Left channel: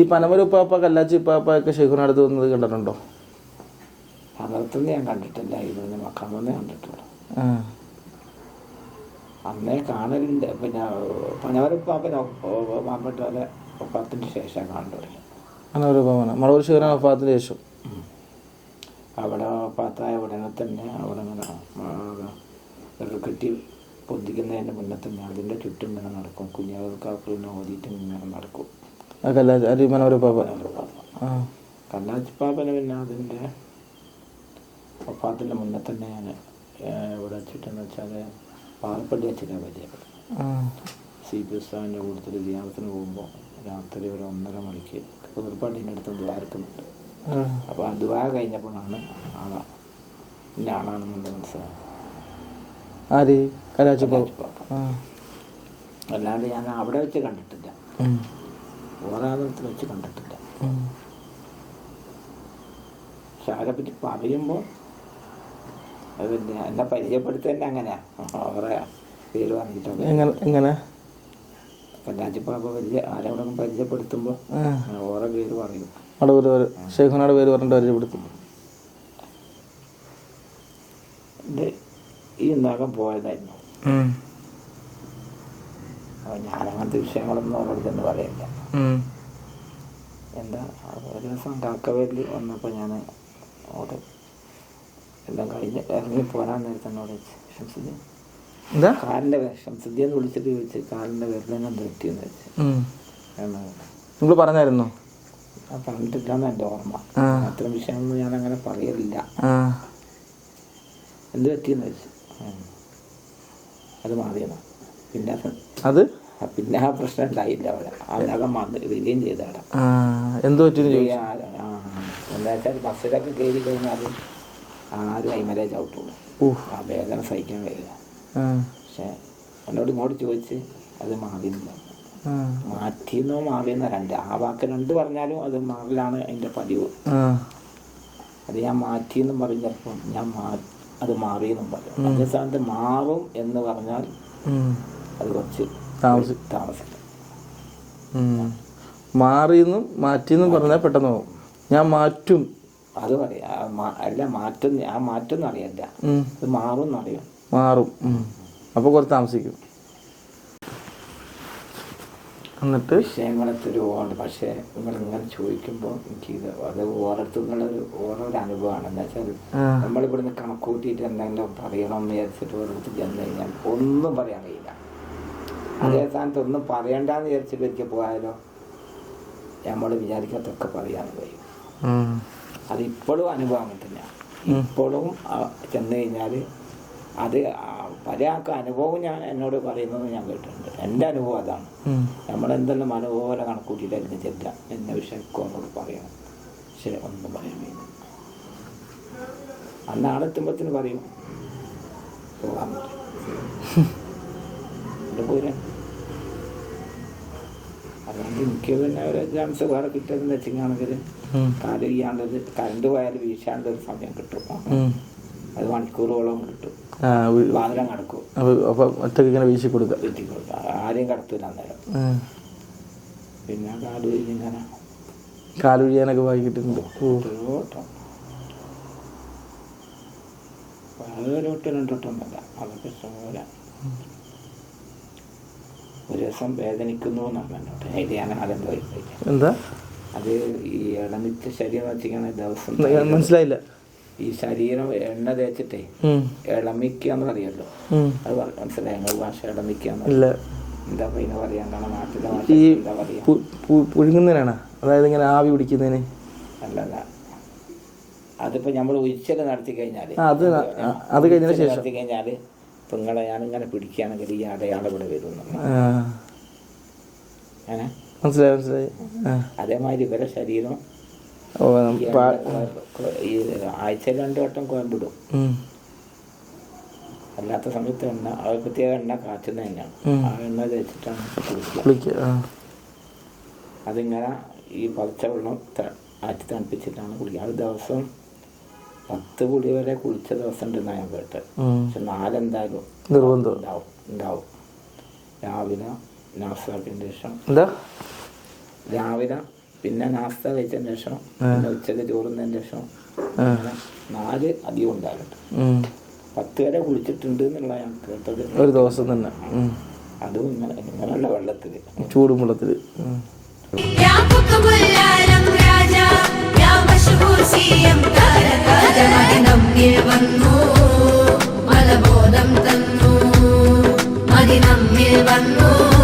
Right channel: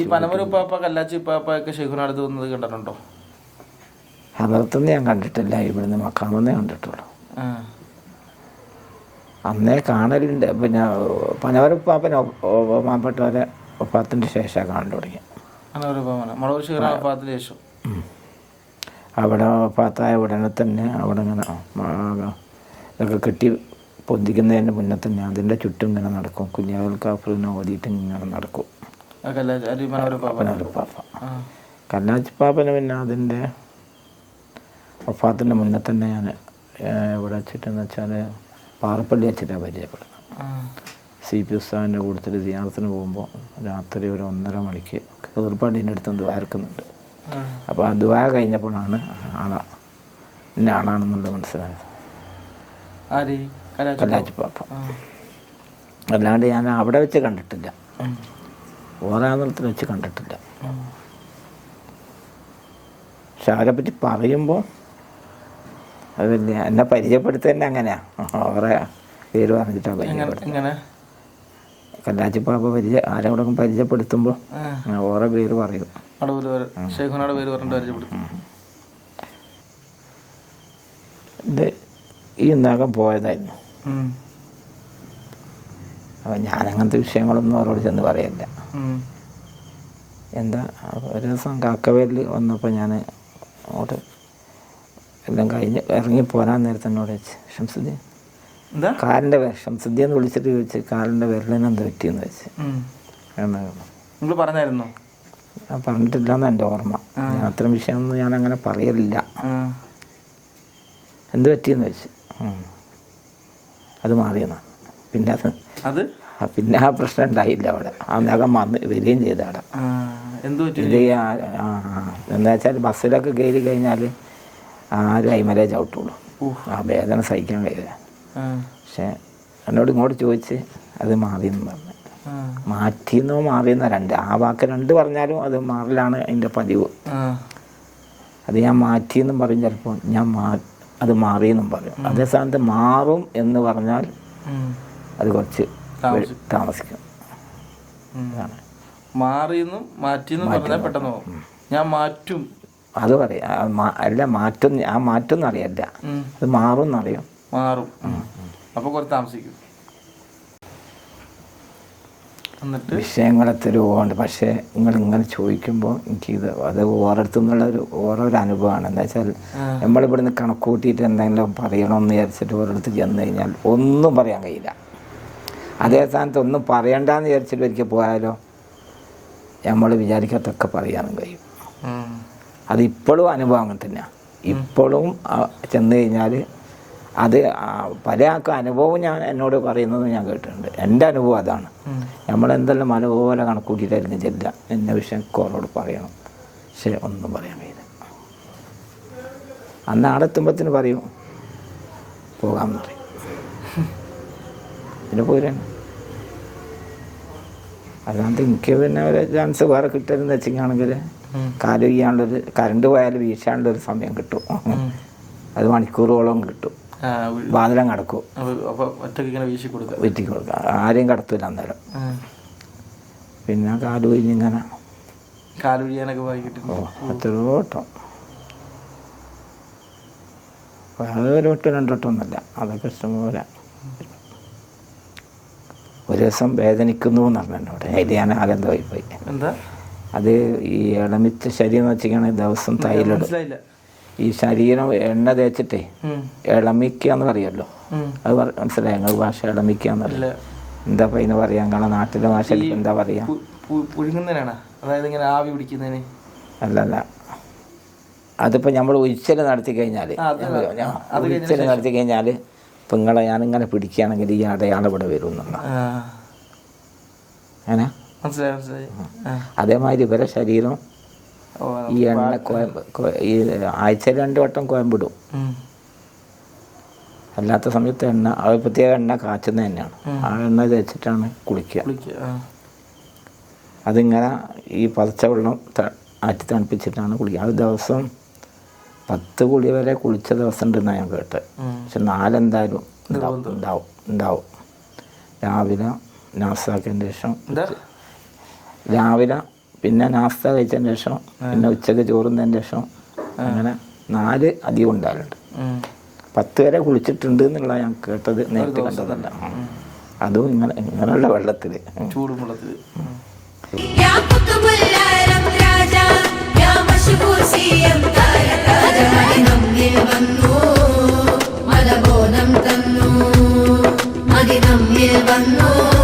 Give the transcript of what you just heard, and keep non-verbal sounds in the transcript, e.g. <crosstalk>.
ഈ പനമര ഉപ്പാപ്പ കല്ലാച്ചി ഉപ്പാപ്പ ഒക്കെ ഷെയ്ഖുനടുത്ത് വന്നത് കണ്ടിട്ടുണ്ടോ? ഹലർത്തുനിന്ന് ഞാൻ കണ്ടിട്ടില്ല. ഇവിടുന്ന് മക്കാമെന്നേ കണ്ടിട്ടുള്ളൂ. അന്നേ കാണലുണ്ട്. പിന്നെ പനവരപ്പാപ്പന മാപ്പെട്ടവരെ ശേഷമാണ് ശേഷം കാണാൻ തുടങ്ങി മുളക് ശേഷം. അവിടെ ഒപ്പാത്തായ ഉടനെ തന്നെ അവിടെ ഇങ്ങനെ ഇതൊക്കെ കെട്ടി പൊന്തിക്കുന്നതിന് മുന്നേ തന്നെ അതിന്റെ ചുറ്റും ഇങ്ങനെ നടക്കും. കുഞ്ഞാവൽ കാഫറിനെ ഓതിയിട്ട് ഇങ്ങനെ നടക്കും. കല്ലാച്ചി പാപ്പന് പിന്നെ അതിന്റെ വഫാത്തിന്റെ മുന്നേ തന്നെ ഞാൻ ഇവിടെ വെച്ചിട്ടെന്ന് വെച്ചാൽ പാറപ്പള്ളി വെച്ചിട്ടാണ് പരിചയപ്പെടുന്നത്. സി പി ഉസ്താവിന്റെ കൂട്ടത്തിൽ ധ്യാനത്തിന് പോകുമ്പോൾ രാത്രി ഒരു ഒന്നര മണിക്ക് കതിർപ്പാടിന്റെ അടുത്ത് ദ്വാരക്കുന്നുണ്ട് അപ്പോൾ ആ. ദ്വാര കഴിഞ്ഞപ്പോഴാണ് ആളാ. എന്റെ ആളാണെന്നുള്ളത് മനസ്സിലായത്. ആര്? കല്ലാച്ചി പാപ്പ. അല്ലാണ്ട് ഞാൻ അവിടെ വെച്ച് കണ്ടിട്ടില്ല. ഓരാന്തരത്തിൽ വെച്ച് കണ്ടിട്ടില്ല. പക്ഷെ അവരെ പറ്റി പറയുമ്പോൾ അത് പിന്നെ എന്നെ പരിചയപ്പെടുത്തി തന്നെ അങ്ങനെയാ അവരെ പേര് പറഞ്ഞിട്ടാണ് എങ്ങനെ കല്ലാച്ചിപ്പാപ്പ പരിചയ ആരോടൊക്കെ പരിചയപ്പെടുത്തുമ്പോൾ. ഓരോ പേര് പറയും അവിടെ പേര് പറഞ്ഞിട്ട് പരിചയപ്പെടുത്തും ഇത് ഈ നഖം പോയതായിരുന്നു. അപ്പം ഞാനങ്ങനത്തെ വിഷയങ്ങളൊന്നും അവരോട് ചെന്ന് പറയില്ല. എന്താ ഒരു ദിവസം കാക്കവേലിൽ വന്നപ്പോൾ ഞാൻ അങ്ങോട്ട് എല്ലാം കഴിഞ്ഞ് ഇറങ്ങി പോരാൻ നേരത്തെ എന്നോട് വെച്ച് ഷംസുദ്ധി എന്താ? കാലിന്റെ പേര് ഷംസുദ്ധി എന്ന് വിളിച്ചിട്ട് ചോദിച്ച് കാലിന്റെ പേരിലെന്നെ എന്ത് പറ്റിയെന്ന് വെച്ച് നിങ്ങൾ പറഞ്ഞായിരുന്നു? ഞാൻ പറഞ്ഞിട്ടില്ലെന്ന് എന്റെ ഓർമ്മ. അത്തരം വിഷയമൊന്നും ഞാൻ അങ്ങനെ പറയലില്ല എന്ത് പറ്റിയെന്ന് വെച്ച്. അത് മാറിയെന്നാ. പിന്നെ അത്? പിന്നെ ആ പ്രശ്നം ഉണ്ടായില്ല അവിടെ. ആ നഖം വന്ന് വരികയും ചെയ്ത അവിടെ എന്ത് വെച്ചാൽ ബസ്സിലൊക്കെ കയറി കഴിഞ്ഞാൽ ആരും അയിമലേ ചവിട്ടുള്ളൂ. ആ വേദന സഹിക്കാൻ കഴിയില്ല. പക്ഷെ എന്നോട് ഇങ്ങോട്ട് ചോദിച്ച് അത് മാറി എന്ന് പറഞ്ഞു മാറ്റിന്നോ മാറിയെന്നോ രണ്ട്. ആ വാക്ക് രണ്ട് പറഞ്ഞാലും അത് മാറലാണ് അതിന്റെ പതിവ്. അത് ഞാൻ മാറ്റിയെന്നും പറയും ചിലപ്പോൾ ഞാൻ മാ അത് മാറിയെന്നും പറയും. അതേ സ്ഥാനത്ത് മാറും എന്ന് പറഞ്ഞാൽ അത് കുറച്ച് താമസിക്കും. മാറിയെന്നും മാറ്റിയെന്നും പറഞ്ഞാൽ പെട്ടെന്ന് പോകും. ഞാൻ മാറ്റും. അത് പറയാം. അല്ല മാറ്റം ആ മാറ്റം എന്നറിയല്ല അത് മാറും. എന്നറിയാം മാറും അപ്പോൾ കുറച്ച് താമസിക്കും. എന്നിട്ട്? വിഷയങ്ങളെ തരുവുണ്ട്. പക്ഷേ നിങ്ങൾ ഇങ്ങനെ ചോദിക്കുമ്പോൾ എനിക്കിത് അത് ഓരോരുത്തർ നിന്നുള്ള ഒരു ഓരോ ഒരു അനുഭവമാണ്. എന്താ വെച്ചാൽ നമ്മളിവിടുന്ന് കണക്കൂട്ടിയിട്ട് എന്തെങ്കിലും പറയണമെന്ന് വിചാരിച്ചിട്ട് ഓരോരുത്തർ ചെന്ന് കഴിഞ്ഞാൽ ഒന്നും പറയാൻ കഴിയില്ല. അതേ സ്ഥാനത്ത് ഒന്നും പറയണ്ടെന്ന് വിചാരിച്ചിട്ട് എനിക്ക് പോയാലോ? നമ്മൾ വിചാരിക്കാത്തൊക്കെ പറയാനും കഴിയും. അതിപ്പോഴും അത് ഇപ്പോഴും അനുഭവം അങ്ങനെ തന്നെയാണ്. ഇപ്പോഴും ചെന്ന് കഴിഞ്ഞാൽ അത് പല ആൾക്കും അനുഭവം ഞാൻ എന്നോട് പറയുന്നത് ഞാൻ കേട്ടിട്ടുണ്ട്. എന്റെ അനുഭവം അതാണ്. നമ്മളെന്തെല്ലാം മനോഹര കണക്കൂട്ടിയിട്ടായിരുന്നു ചെല്ല എന്ന വിഷയം കോളോട് പറയണം. പക്ഷേ ഒന്നും പറയാൻ കഴിയില്ല അന്ന് ആടെത്തുമ്പത്തിന് പറയും. പോകാൻ പറയും. <laughs> പിന്നെ പോരാണ് അല്ലാണ്ട് എനിക്ക് പിന്നെ ഒരു ചാൻസ് വേറെ കിട്ടരുതെന്ന് വെച്ചിട്ടാണെങ്കിൽ. കാൽ വീഴാണ്ടൊരു കറണ്ട് പോയാൽ വീശാനുള്ളൊരു സമയം കിട്ടും. അത് മണിക്കൂറുകളോളം കിട്ടും. വാതിലം കടക്കും അപ്പൊ ഒറ്റയ്ക്ക് ഇങ്ങനെ വീശി കൊടുക്കാം. വെറ്റി കൊടുക്കുക ആരെയും കടത്തൂല അന്നേരം. പിന്നെ കാൽ വീഞ്ഞിങ്ങനെ കാലുഴിയാനൊക്കെ വായിക്കിട്ടുണ്ട് എത്രയോ വട്ടം. ഒരു വട്ടം രണ്ടോട്ടം ഒന്നല്ല അതൊക്കെ ഇഷ്ടംപോലെ. ഒരു ദിവസം വേദനിക്കുന്നു എന്ന് പറഞ്ഞു എന്നോട് അതിൽ ഞാൻ ആനന്ദമായി പോയി. എന്താ? അത് ഈ ഇളമിച്ച ശരീരം വെച്ചിരിക്കണ ദിവസം മനസ്സിലായില്ല. ഈ ശരീരം എണ്ണ തേച്ചിട്ടേ. ഇളമിക്കുക എന്ന് പറയുമല്ലോ അത് മനസ്സിലായി? ഞങ്ങൾ ഭാഷ ഇളമിക്കുക എന്താ പറയുന്ന ഇതിന് പറയാ? നാട്ടിലെ ഭാഷ എന്താ പറയാ? പുഴുങ്ങുന്നതിനാണ്? അതായത് ഇങ്ങനെ ആവി പിടിക്കുന്നതിന്? അല്ലല്ല അതിപ്പോ നമ്മൾ ഉച്ചൽ നടത്തി കഴിഞ്ഞാൽ നടത്തി കഴിഞ്ഞാൽ ഇപ്പം നിങ്ങളെ ഞാനിങ്ങനെ പിടിക്കുകയാണെങ്കിൽ ഈ അടയാളം ഇവിടെ വരും എന്നുള്ള ആ. അങ്ങനെ മനസ്സിലായി മനസ്സിലായി. അതേമാതിരി ഇവരെ ശരീരം ഈ എണ്ണ കോയമ്പ് ഈ ആഴ്ചയിൽ രണ്ട് വട്ടം കോയമ്പിടും. അല്ലാത്ത സമയത്ത് എണ്ണ അത് പ്രത്യേക എണ്ണ കാച്ചുന്ന തന്നെയാണ്. ആ എണ്ണ തേച്ചിട്ടാണ് കുളിക്കുക. അതിങ്ങനെ ഈ പതച്ച വെള്ളം ആറ്റി തണുപ്പിച്ചിട്ടാണ് കുളിക്കുക. അത് ദിവസം പത്ത് കുളി വരെ കുളിച്ച ദിവസം ഉണ്ടെന്നാണ് ഞാൻ കേട്ടത്. പക്ഷെ നാലെന്തായാലും ഉണ്ടാവും ഉണ്ടാവും രാവിലെ നാസ്താക്കിയതിന് ശേഷം രാവിലെ പിന്നെ നാസ്ത കഴിച്ചതിന് ശേഷം പിന്നെ ഉച്ചയ്ക്ക് ചോറുന്നതിന് ശേഷം അങ്ങനെ നാല് അധികം ഉണ്ടാകലുണ്ട് പത്ത് വരെ കുളിച്ചിട്ടുണ്ട് എന്നുള്ള ഞാൻ കേട്ടത് ഒരു ദിവസം തന്നെ. അതും ഇങ്ങനെ ഇങ്ങനെയുള്ള വെള്ളത്തിൽ ചൂടും വെള്ളത്തിൽ രാജാ ആദി നമ്മിൽ വന്നു.